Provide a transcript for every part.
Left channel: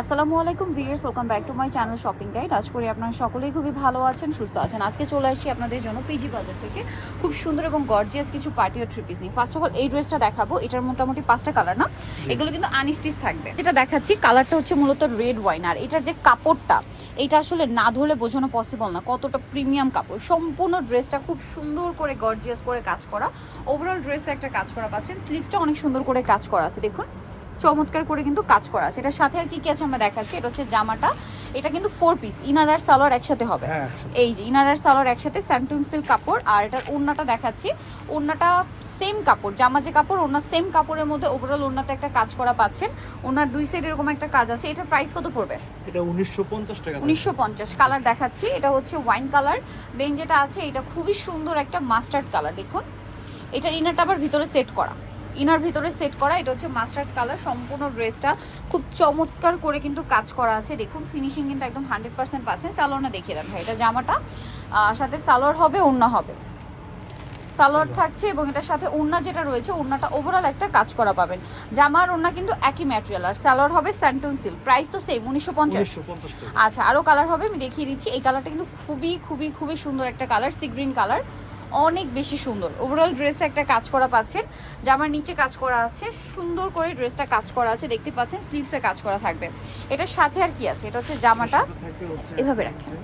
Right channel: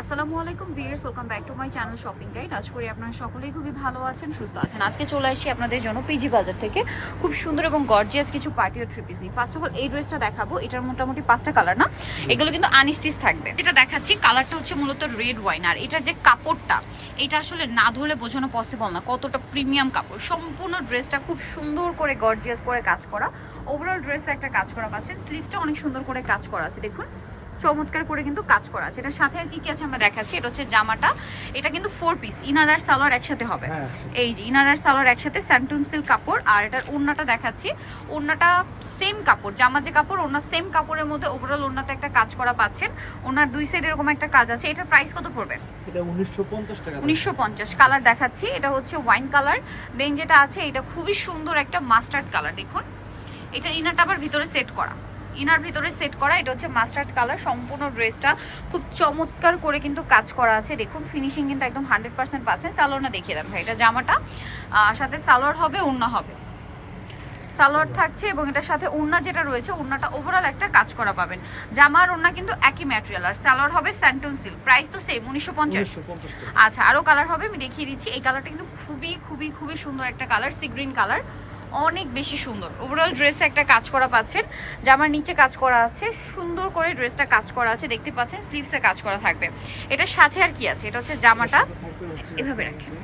আসসালামু আলাইকুম viewers, welcome back to my channel shopping guide. আশা করি আপনারা সকলেই খুবই ভালো আছেন, সুস্থ আছেন। আজকে চলে আসি আপনাদের জন্য পিজি বাজার থেকে খুব সুন্দর এবং গর্জিয়াস কিছু পার্টি ও থ্রি পিস নিয়ে। ফার্স্ট অফ অল এই ড্রেসটা দেখাবো, এটার মোটামুটি 5টা কালার না, এগুলো কিন্তু আনস্টিচ থাকবে। যেটা দেখাচ্ছি কালারটা হচ্ছে মূলত রেড ওয়াইন, আর এটার যে কাপড়টা এটা আসলে না ধরলে বোঝানো পসিবল না কতটা প্রিমিয়াম কাপড়। সম্পূর্ণ ড্রেসটা খুব সুন্দর করে গর্জিয়াস করে কাজ করা, ওভারঅল ড্রেসে একটা কাজ করা পাচ্ছেন। স্লিভসটা অনেক সুন্দর করে কাজ করা আছে, দেখুন চমৎকার করে কিন্তু কাজ করা আছে। এটার সাথে আর কি কি আছে আমরা দেখাচ্ছি। এটা হচ্ছে জামাটা, এটা কিন্তু 4 পিস, ইনার আর সালোয়ার একসাথে হবে। এই যে ইনার আর সালোয়ার একসাথে, স্যান্টুন সিল্ক কাপড়। আর এটার ওড়নাটা দেখাচ্ছি, ওড়নাটা সেম কাপড়, জামা যে কাপড় ওড়না সেম কাপড়ের মধ্যে ওভারঅল ওড়নাতে একটা কাজ করা পাচ্ছেন। ওড়নার দুই সাইড এরকম একটা কাজ আছে। এটার প্রাইস কত পড়বে? এটা 1950 টাকা। 1950। কালার দেখাচ্ছি, এটা হচ্ছে ওয়াইন কালার। দেন যেটা আছে এটা খুবই সুন্দর একটা মাস্টার্ড কালার, দেখুন এটার ইনারটা আবার ভিতরে সেট করা, ইনার ভিতরে সেট করা। এটা হচ্ছে মাস্টার্ড কালার। সম্পূর্ণ ড্রেসটা খুব চমৎকার করে কিন্তু কাজ করা আছে, দেখুন ফিনিশিং কিন্তু একদম 100% পাচ্ছেন। সালোয়ারটা দেখিয়ে দেন ভাই, এটা জামাটা সাথে সালোয়ার হবে, ওড়না হবে, সালোয়ার থাকছে এবং এটার সাথে ওড়না যেটা রয়েছে ওড়নাটা ওভারঅল একটা কাজ করা পাবেন। জামার ওড়না কিন্তু একই ম্যাটেরিয়াল, আর সালোয়ার হবে স্যান্টুন সিল্ক। প্রাইস তো সেম 1950। আচ্ছা আরও কালার হবে, আমি দেখিয়ে দিচ্ছি। এই কালারটা কিন্তু খুবই খুবই খুবই সুন্দর একটা কালার, সি গ্রিন কালার, অনেক বেশি সুন্দর। ওভারঅল ড্রেসে একটা কাজ করা পাচ্ছেন, জামার নিচে কাজ করা আছে, সুন্দর করে ড্রেসটা কাজ করা আছে, দেখতে পাচ্ছেন স্লিভসে কাজ করা থাকবে। এটার সাথে আর কি আছে, এটা হচ্ছে জামাটা এভাবে রাখেন।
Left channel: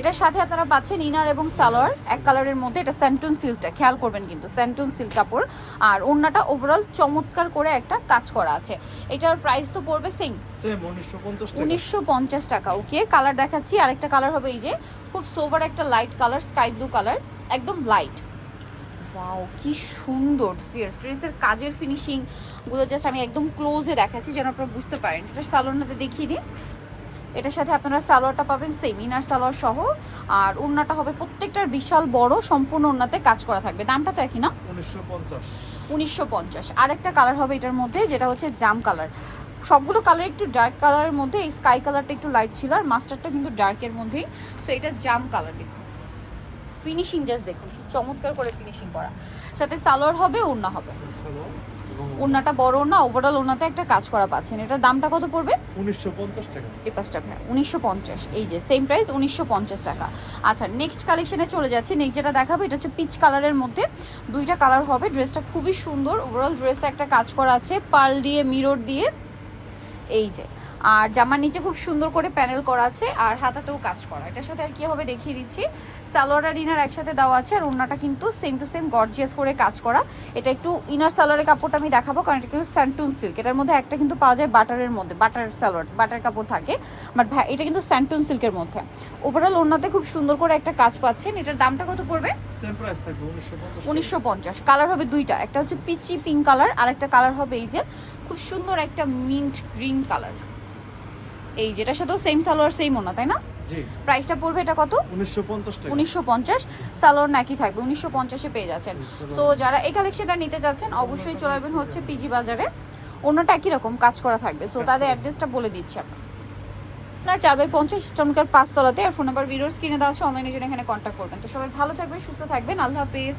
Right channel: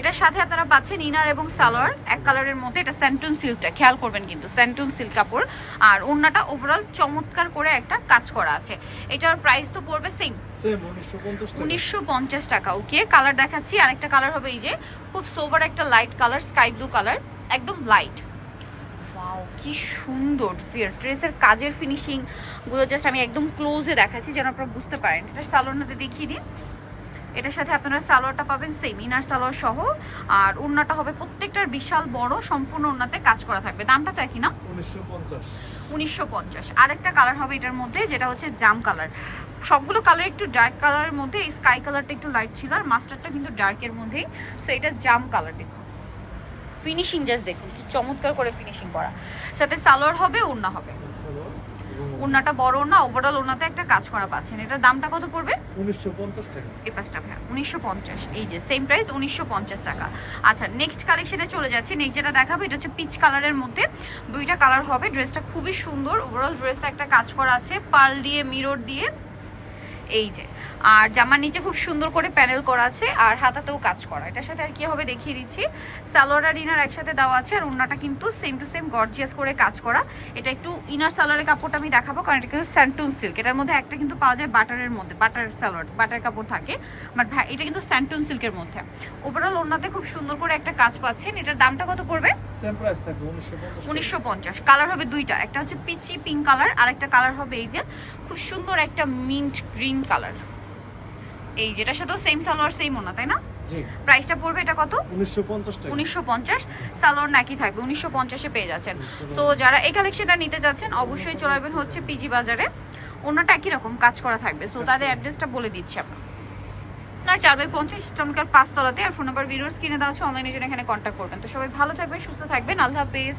এটার সাথে আপনারা পাচ্ছেন ইনার এবং সালোয়ার এক কালারের মধ্যে। এটা স্যান্টুন সিল্কটা খেয়াল করবেন কিন্তু, স্যান্টুন সিল্ক কাপড়। আর ওড়নাটা ওভারঅল চমৎকার করে একটা কাজ করা আছে। এটার প্রাইস তো পড়বে সেম 1950 টাকা। ওকে, কালার দেখাচ্ছি, আরেকটা কালার হবে এই যে খুব সোবার একটা light colour, sky blue colour, একদম লাইট। ওয়াও কি সুন্দর ড্রেসের কাজের ফিনিশিং গুলো, জাস্ট আমি একদম ক্লোজে দেখাচ্ছি যেন আপনারা বুঝতে পারেন। এটা সালোয়ারটাতে দেখিয়ে দিই। এটার সাথে আপনারা সালোয়ারটা পাবেন সেম ইনার সালোয়ার সহ, আর ওড়নাটা হবে প্রত্যেকটার বিশাল বড়, সম্পূর্ণ ওড়নাতে কাজ করা থাকবে। দামটা তো একই না, 1950। আরেকটা কালার হবে এটার মধ্যে, যেটা হচ্ছে জাম কালার। সবগুলো কালার একটু ডার্ক কালারের মধ্যে, এই স্কাই কালারটা একটু লাইট ছিল, আর মাস্টারটা কিন্তু ডার্কের মধ্যেই। সো এটা জাম কালার, দেখুন ফিনিশিং জাস্ট দেখুন কি চমৎকার করে ফিনিশিং করা। সাথে সালোয়ার হবে, ওড়না হবে, ওড়নাটা বড় না, ওভারঅল ওড়নাতে একটা কাজ করা পাচ্ছেন। এটার দামটা কত পড়বে? 1950 টাকা। এই পাঁচটা ভাই 1950। এই যে সেম প্রাইস 1950 টাকা। আচ্ছা নেক্সট কালেকশনে চলে যাচ্ছি। নেক্সট যেটা দেখাবো এটা হচ্ছে পিচ কালারের মধ্যে, দুইটা কালার হবে। ড্রেসটা খুবই সুন্দর, ওভারঅল ড্রেসে একটা কাজ করা আছে পার্ল দিয়ে, মিরর দিয়ে, এই যে। আর জামার নিচে খুব সুন্দর করে প্যানেল করা আছে, আর হাতাতেও কাজ করা। এটার সাথে আর কি হবে দেখিয়ে দিচ্ছি। সালোয়ার আর ইনার একসাথে দেওয়া আছে, আর ওড়নাটা কিন্তু সেম টু সেম গর্জিয়াস করে কাজ করা। এটা একটু ইনার সালোয়ারের কাপড়টা আমি দেখাবো, কারণ এটা কিন্তু স্যান্টুন সিল্ক। এটার মধ্যে একটা কিন্তু পাওয়া যায় বাটারের মধ্যে, বাটার সালোয়ার, বাটার কাপড় থাকে, বাট ভাই এটা কিন্তু স্যান্টুন সিল্কের মধ্যে। ওভারঅল ওড়নাতে খুব সুন্দর করে একটা কাজ পাচ্ছেন। এটার দামটা কত পড়বে? সেম প্রাইস থাকবে 1950। কালার হবে দুইটা, একটা হচ্ছে পিচি পিঙ্ক কালার, আর একটা কালার হবে এই যে খুব সুন্দর একটা মিন্ট গ্রিন কালার। এই যেটার সাথেও সেম সালোয়ার সেম ওনা, তাই না? জি। প্রাইসটা পড়বে এটা কত? 1950 টাকা। 1950। সালোয়ার নাকি থাকবে 1950-এ পেয়ে যাচ্ছেন। সো যারা এই কালেকশনটা নিতে যাচ্ছেন অবশ্যই চলে আসবেন হচ্ছে পিজি বাজারে। ওনাটা একই রকম কাজ করা থাকবে। সো তাদের অ্যাড্রেসটা বলে দিচ্ছি আপনার 4/50 ইস্টার্নকার 5 তলাতে, আর ফোন নাম্বার ভিডিওর স্ক্রিনে দেওয়া আছে, অনলাইনে জন্য এখানে কন্ট্যাক্ট করবেন। তো সবাই ভালো থাকবেন, সুস্থ থাকবেন, আল্লাহ হাফেজ।